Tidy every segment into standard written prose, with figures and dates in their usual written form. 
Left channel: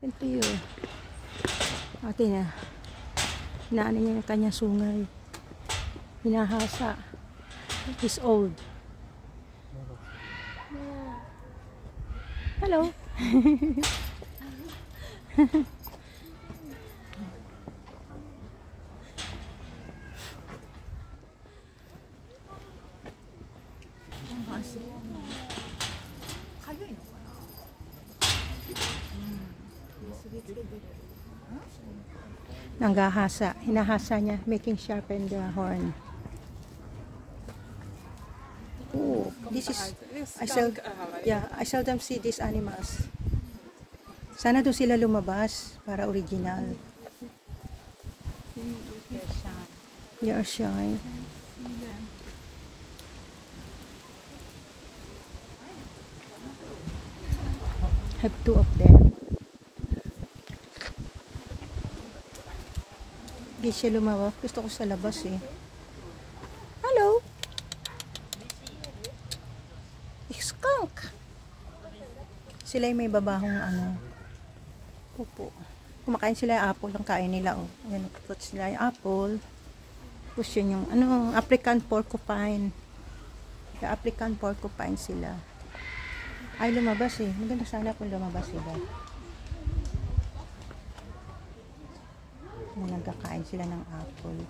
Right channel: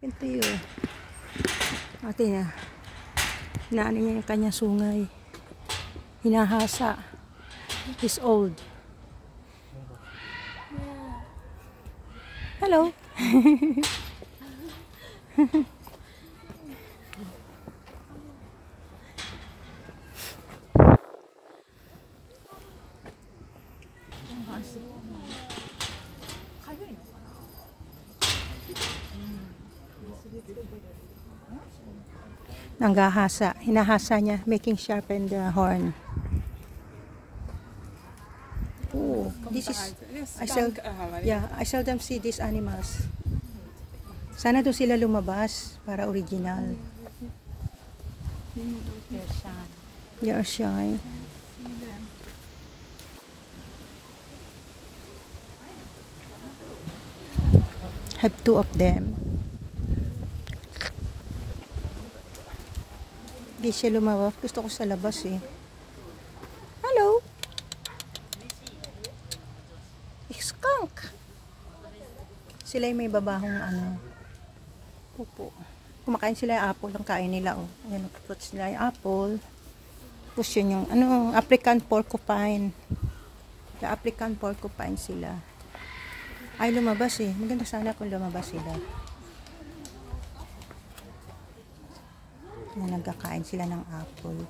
Ito yun. Ate na. Inaano niya yung kanyang sungay. Hinahasa. He's old. Hello. Nanggahasa. Hinahasa niya. Making sharpen the horn. Oh, this is... I seldom see these animals. Sana doon sila lumabas para original. They are shy. Have two of them. Hindi siya lumabas. Gusto ko sa labas eh. Hello! Skunk! Sila yung may babahong ano. Pupo. Kumakain sila yung apple. Ang kain nila oh. Ayan, nakapot sila yung apple. Tapos yun yung ano, African porcupine. The African porcupine sila. Ay, lumabas eh. Maganda sana kung lumabas sila. Na nagkakain sila ng apple.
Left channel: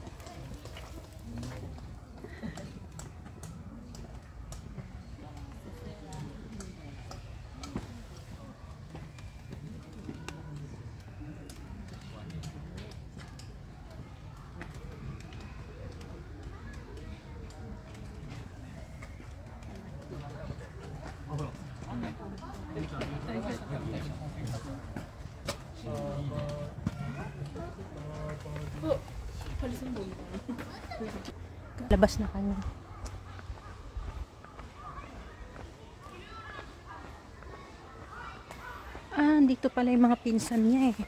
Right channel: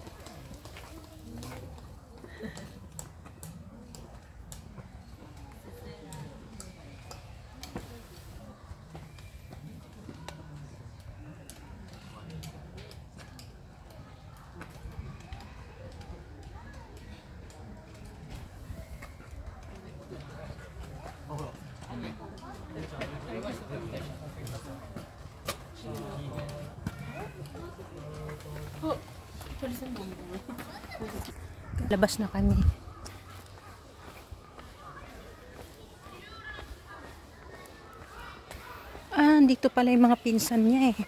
Labas na kami. Ah, dito pala yung mga pinsan niya eh.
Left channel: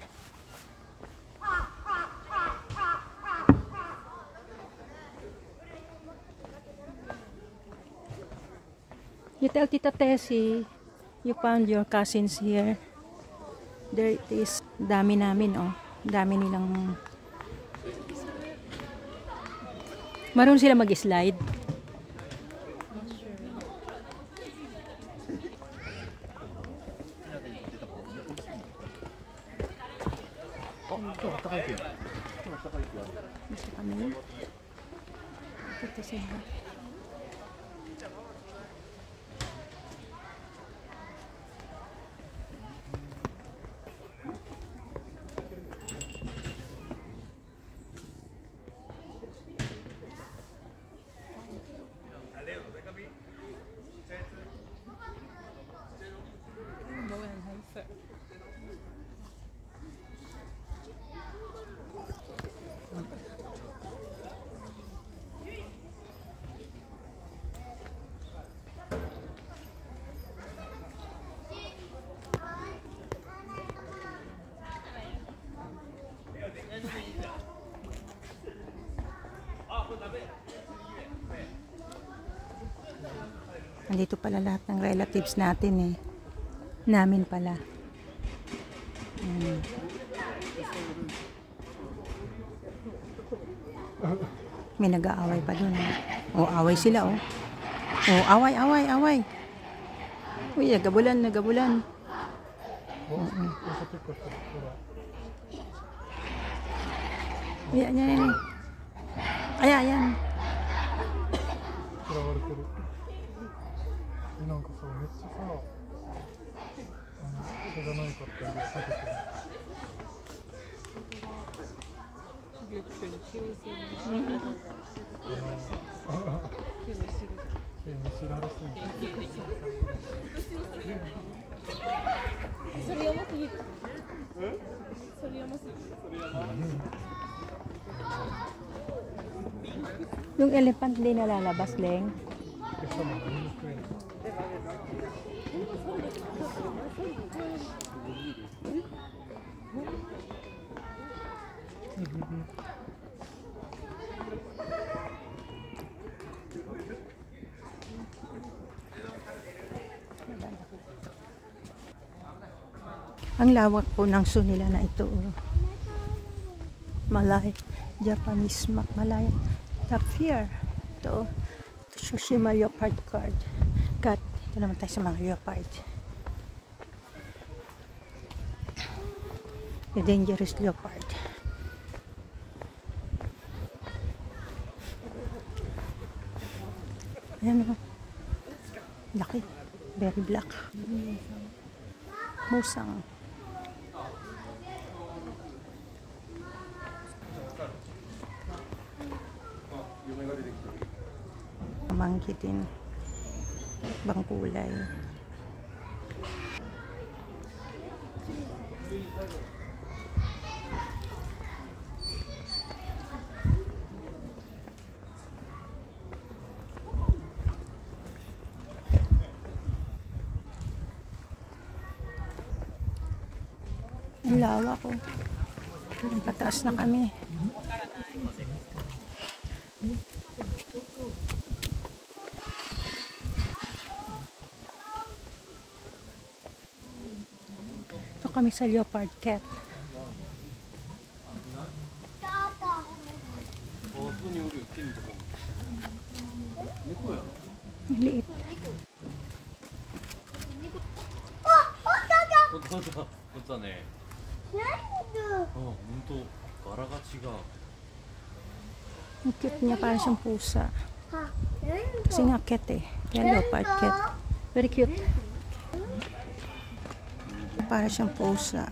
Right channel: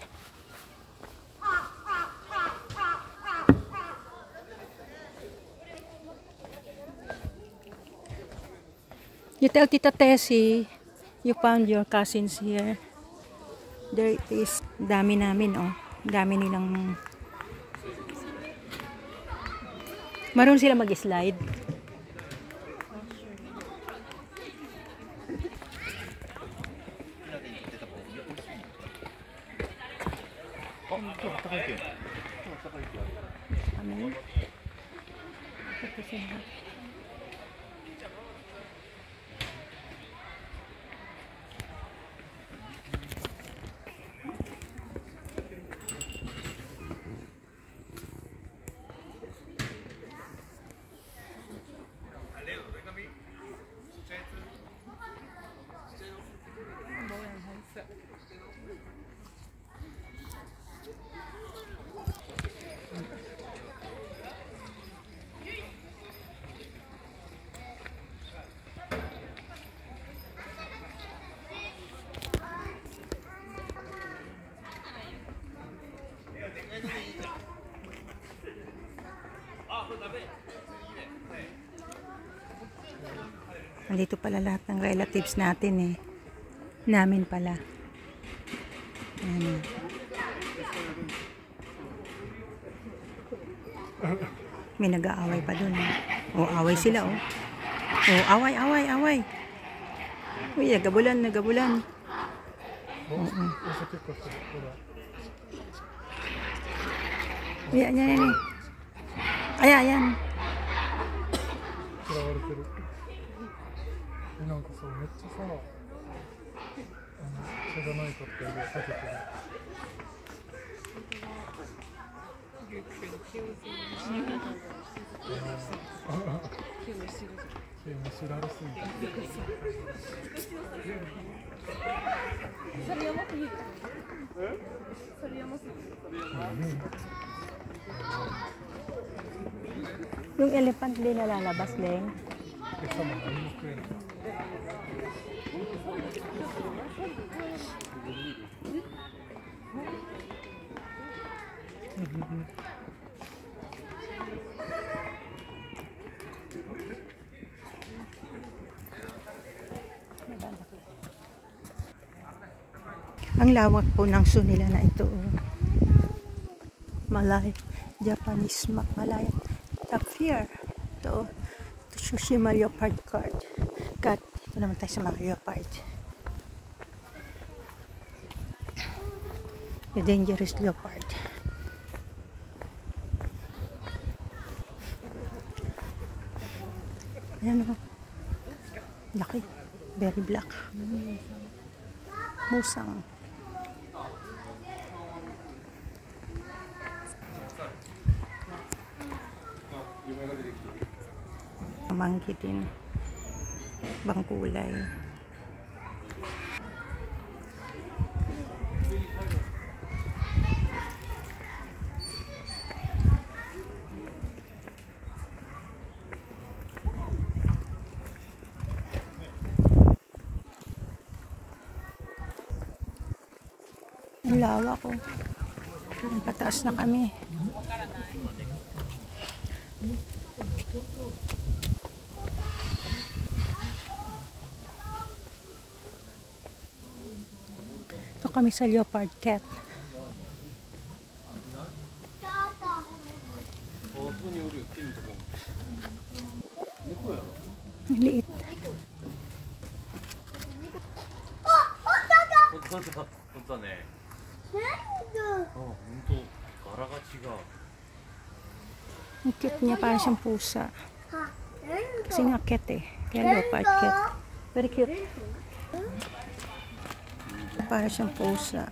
You tell Tita Tessie, you found your cousins here. There it is. Dami namin oh. Dami nilang... Marunong sila mag-slide. Kami. Ito sila. Nandito pala lahat ng relatives natin eh. Namin pala. May nag-aaway pa dun. Oh, away sila oh. Oh, away, away, away. Uy, nagabulan, nagabulan. Ayan, ayan, ayan. Ayan, ayan. なんかそうめっちゃさ、それがないかって出てくる。それやばすぎる。それやばすぎる。Yung elephant din nalalabas, Leng. Ang lawak po ng zoo nila na ito. Malay, Japanese Malay. Top here. Ito. Tsushima Leopard card. Cut. Ito naman tayo sa mga leopard. The dangerous leopard. Ayan o. Laki. Very black. Musang. Mangkitin. Bangkulay. Ang lawa ko. Pataas na kami. Ito kami sa leopard cat. Liit. Ang cute niya, parang siyang pusa. Kasi nga cat eh. Kaya leopard cat. Very cute. Parang siyang pusa.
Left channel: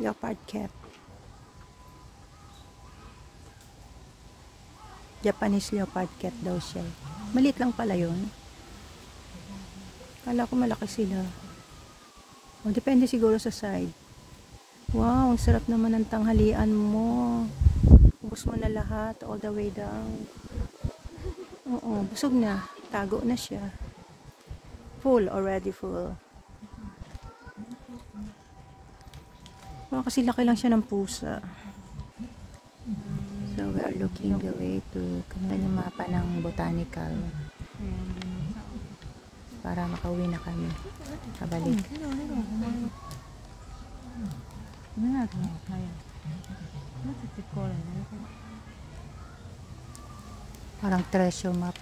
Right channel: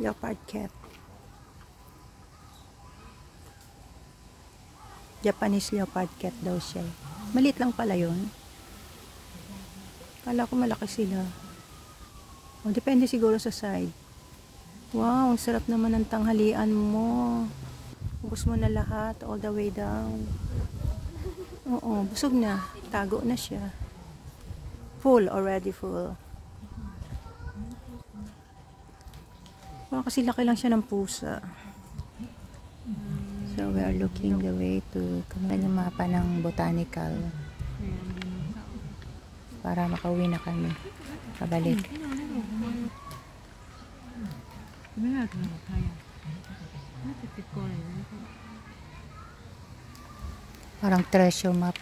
Leopard cat. Japanese leopard cat daw siya. Maliit lang pala yun. Kala ko malaki sila. O, depende siguro sa side. Wow, ang sarap naman ng tanghalian mo. Ubus mo na lahat all the way down. Oo, busog na. Tago na siya. Full, already full. Wow, kasi laki lang siya ng pusa. So, we are looking the way to kami ng mapa ng botanical. Para makauwi na kami. Pabalik. Parang treasure map.